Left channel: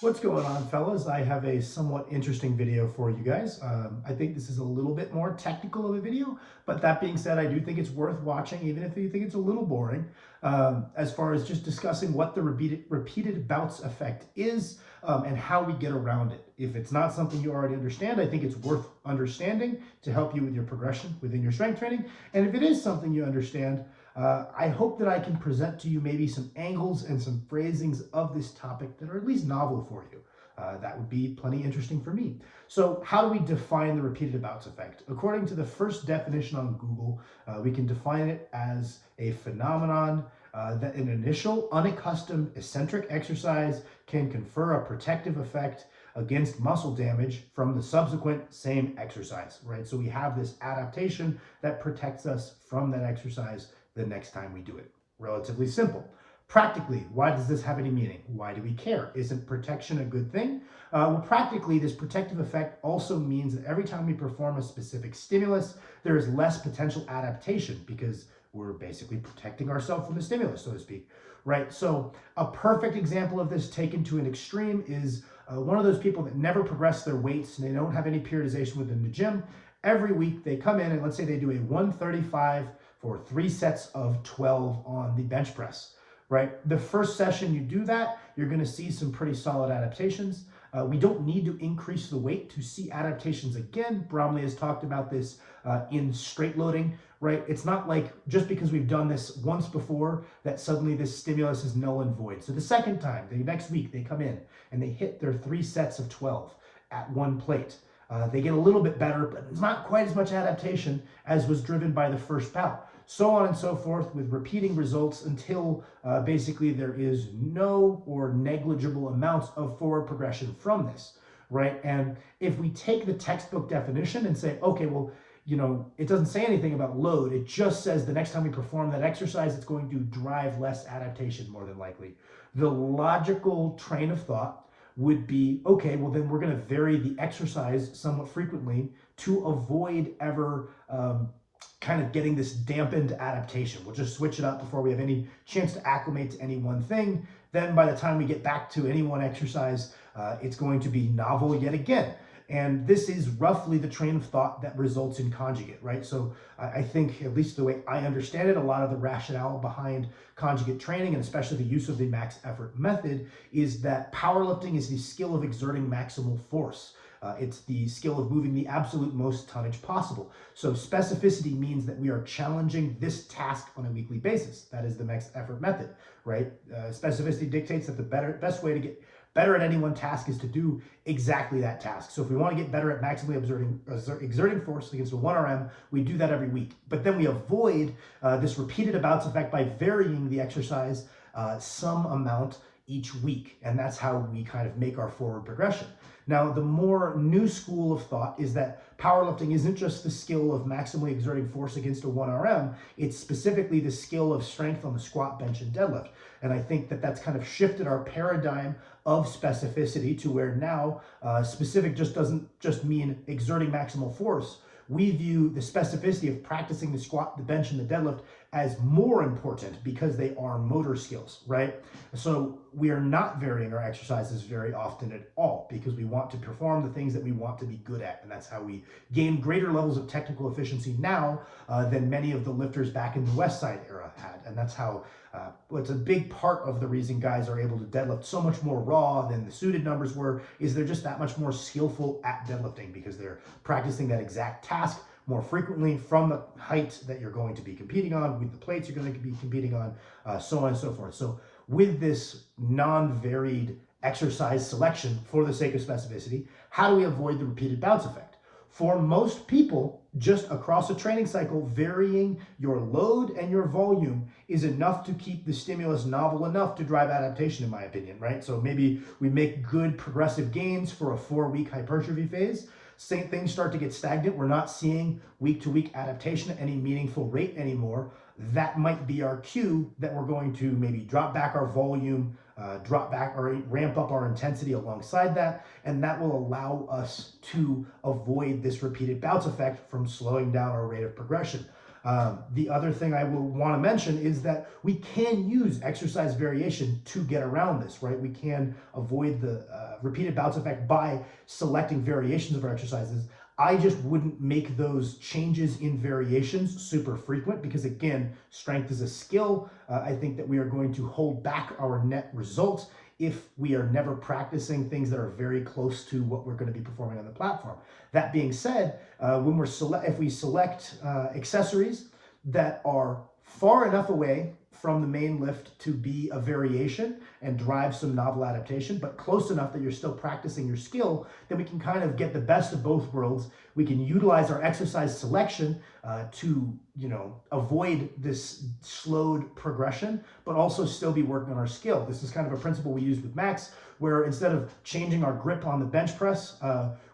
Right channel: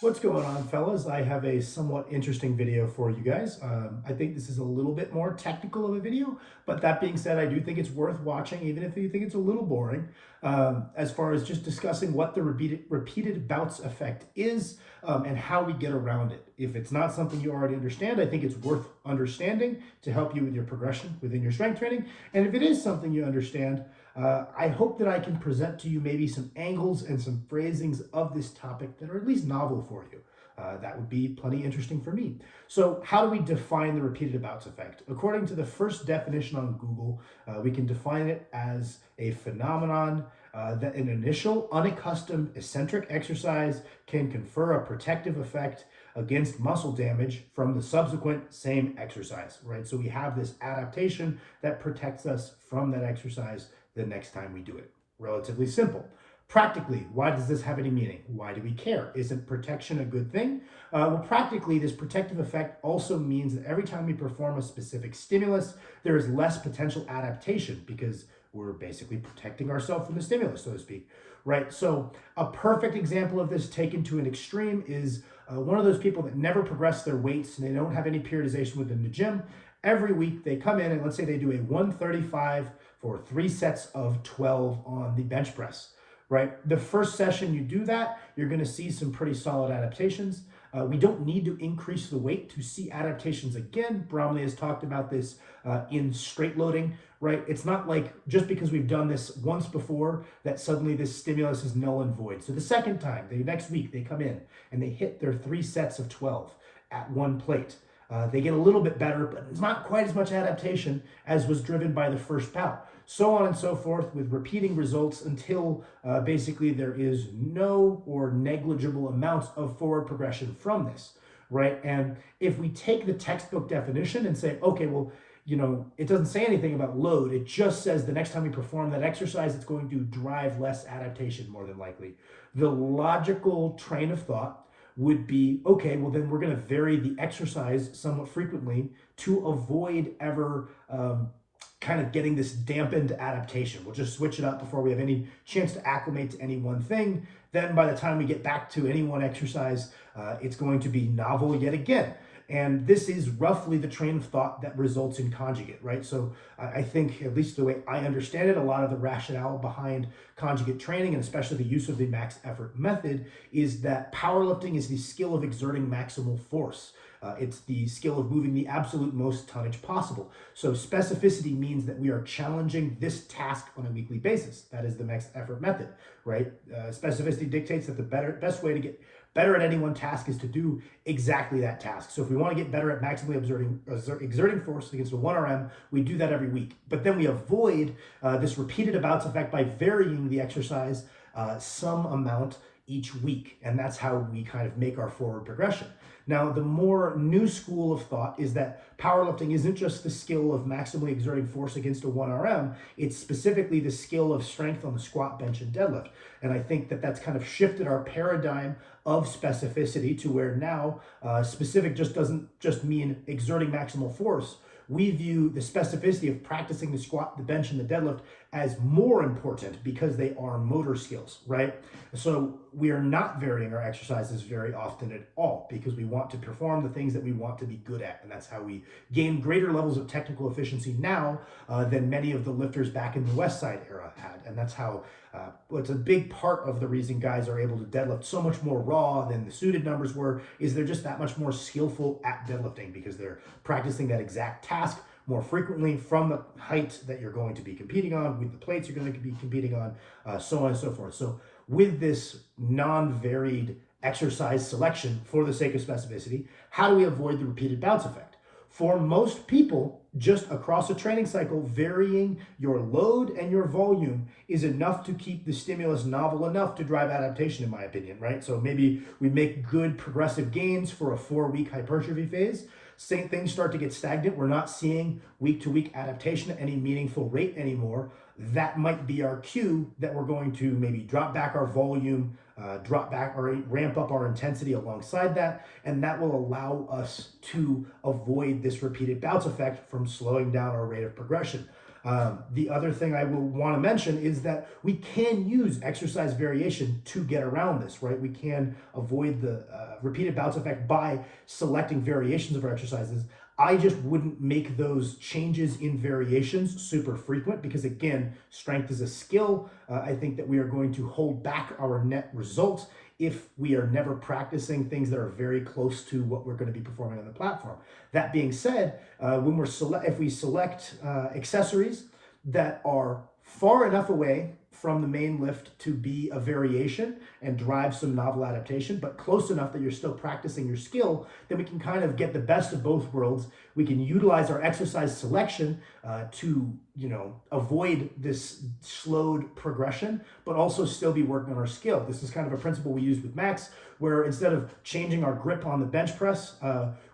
What's going on, fellas? I have a somewhat interesting video for you guys. I think this is a little bit more technical of a video, but that being said, I do think it's worth watching, even if you think it's a little boring, as far as just discussing what the repeated bouts effect is and how we get around it. If it's not something you already understand, I think it's worth understanding to help you with your progression within your strength training. And if it is something you understand, I hope that I can present to you maybe some angles and some phrasings of this topic that are at least novel for you. That would be plenty interesting for me. So how do we define the repeated bouts effect? According to the first definition on Google, we can define it as a phenomenon that an initial unaccustomed eccentric exercise can confer a protective effect against muscle damage from the subsequent same exercise, right? So we have this adaptation that protects us from that exercise the next time we do it. Relatively simple. Practically, why does this have any meaning? Why do we care? Isn't protection a good thing? Well, practically, this protective effect also means that every time we perform a specific stimulus, there is less potential adaptation because we're basically protecting ourselves from the stimulus, so to speak, right? So a perfect example of this taken to an extreme is one of those people that never progress their weights and they don't have any periodization within the gym. Every week they come in and let's say they do a 135 for 3 sets of 12 on the bench press, right? The first session you do that, you're going to see some pretty solid adaptations. We don't need to increase the weight to see adaptations again. Bromley has talked about this in straight loading, right? It's not like just because we've done this once before that suddenly this stimulus is null and void. So the second time, the next week, they come in and they hit their 3 sets of 12 at one plate. They get a little bit better, but it's not quite as much adaptation as was driven by the first bout. So on and so forth with repeating results until basically there is no or negligible amounts of forward progression from this, right? And if we take the textbook definition and say, okay, well, you know, it doesn't say anything about load. It just says the next time we perform that exercise, it's going to drive less adaptation more than likely. The logical train of thought would be, okay, well then we're going to vary the exercise somewhat frequently to avoid ever kind of getting this dampened adaptation. We'll just switch it up before we have any chance to acclimate to any one thing. Then by the time we get back to any one exercise, it's going to be novel yet again. And this is roughly the train of thought that results in conjugate, right? So I think, at least the way I understand it, a lot of the rationale behind conjugate training, and especially the use of the max effort method, is that powerlifting is the skill of exerting maximal force. It's the skill of moving the absolute most tonnage possible. So specificity means that we are challenging this task on a weekly basis. That is the max effort method, right? Specificity dictates that the best way to get better at any one task is to do exactly that task. So if we want to get better at maximally exerting force against a 1RM, we do that every week. But then we avoid this repeated bouts effect by varying the exercise some amount each week. And that's how we kind of make our forward progression. Now, the more new school of thought is that powerlifting isn't just the skill of maximally exerting force against a 1RM, it's specifically the skill of strength on the squat, bench, and deadlift. And I think that that's kind of shifted our paradigm of specificity to where now specific just doesn't just mean exerting maximal force. We view the specificity of practicing the squat, the bench, and the deadlift as more important because they are motor skills, right? So we are not varying our exercises very often at all because we want to perform the things that we want to be good at. And that's how we gain greater levels of technical efficiency now than many of the lifters back in the West Side era had. And that's how it's a big part of the reason guys are able to deadlift so much more raw than the suited numbers were, is they're just that much more skillful at deadlifting because they're practicing that exact task more frequently from the height that you're going to be competing on, with the plates you're going to be competing on, so on and so forth. So with this non-varied exercise selection for the sake of specificity, how do we avoid the repeated bouts effect? For most people, just across a training cycle, varying your load and your volume is enough to keep the stimulus novel enough to drive adaptation, in my opinion, right? So maybe we make good progressive gains for a 4-week hypertrophy phase. Same things start to get stagnant. We're not seeing week-to-week adaptation at any meaningful rate anymore. That might be our cue that we're going to maybe drop back our volume, drop back or ramp up our intensity alongside that, and that will allow us to avoid this repeated bouts effect from slowing down our rate of progression. The other thing I will want to mention is that we can use exercise variation to get around this, right? We can avoid the repeated bouts effect by selecting variations of our exercises. I just wouldn't make those changes in variations super frequent because, again, strength is a skill. I think that we are going to hold back our net results if we are never practicing things that are very close to what we're going to be performing on the platform. That being said, when if we select accessories that are far enough away from the main lift to be a variation and drive some novel adaptation, but close enough that you're still practicing your skill, then we can kind of get the best of both worlds. We can utilize our exercise selection to, avoid this slowed progression, but also still be working on our skill. This is kind of a principle we used with Max, where instead of changing our grip on the bench press,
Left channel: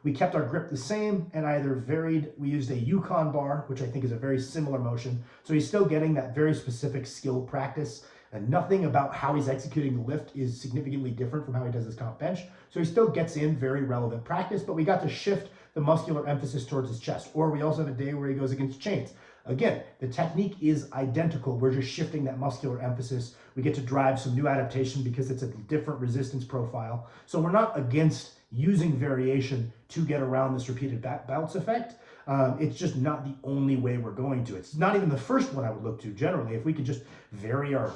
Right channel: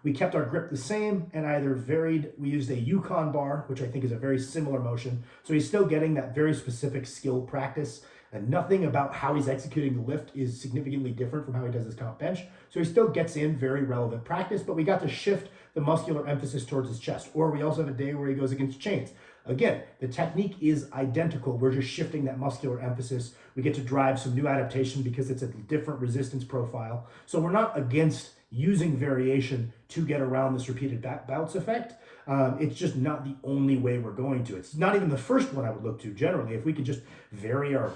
we kept our grip the same and either varied. We used a Yukon bar, which I think is a very similar motion. So he's still getting that very specific skill practice, and nothing about how he's executing the lift is significantly different from how he does his comp bench. So he still gets in very relevant practice, but we got to shift the muscular emphasis towards his chest. Or we also have a day where he goes against chains. Again, the technique is identical. We're just shifting that muscular emphasis. We get to drive some new adaptation because it's a different resistance profile. So we're not against using variation to get around this repeated bouts effect. It's just not the only way we're going to. It's not even the first one I would look to generally. If we could just vary our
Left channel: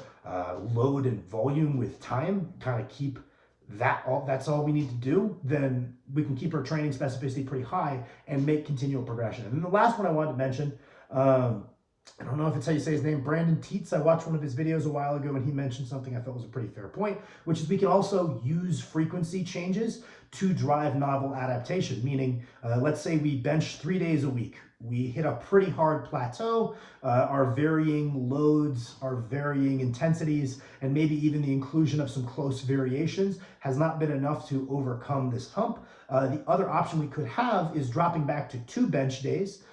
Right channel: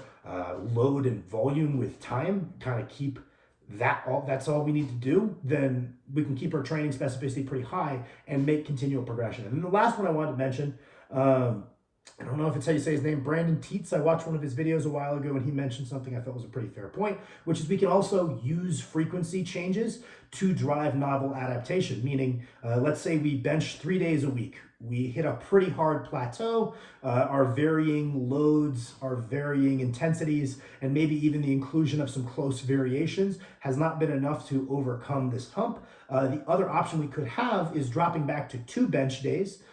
load and volume with time, kind of keep that's all we need to do, then we can keep our training specificity pretty high and make continual progression. And then the last one I wanted to mention, I don't know if it's how you say his name, Brandon Teets. I watched one of his videos a while ago and he mentioned something I felt was a pretty fair point, which is we can also use frequency changes to drive novel adaptation. Meaning, let's say we bench 3 days a week. We hit a pretty hard plateau, our varying loads, our varying intensities, and maybe even the inclusion of some close variations has not been enough to overcome this hump. The other option we could have is dropping back to 2 bench days.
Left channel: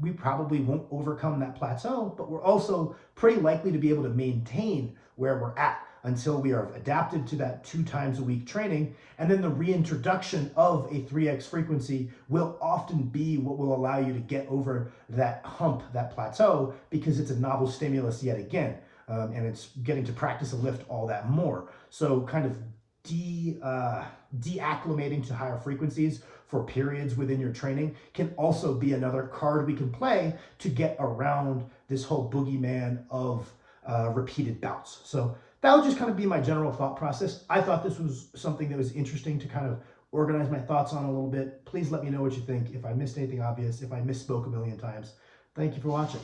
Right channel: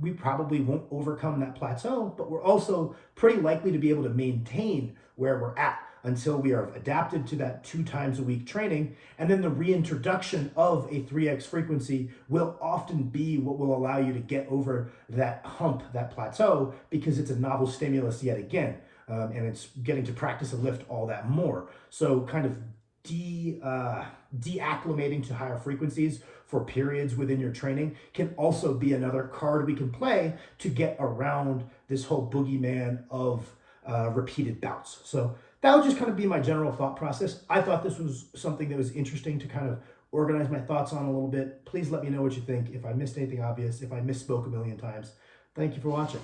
We probably won't overcome that plateau, but we're also pretty likely to be able to maintain where we're at until we are adapted to that 2 times a week training. And then the reintroduction of a 3x frequency will often be what will allow you to get over that hump, that plateau, because it's a novel stimulus yet again. And it's getting to practice a lift all that more. So kind of deacclimating to higher frequencies for periods within your training can also be another card we can play to get around this whole boogeyman of repeated bouts. So that would just kind of be my general thought process. I thought this was something that was interesting to kind of organize my thoughts on a little bit. Please let me know what you think. If I missed anything obvious, if I misspoke a million times, thank you for watching.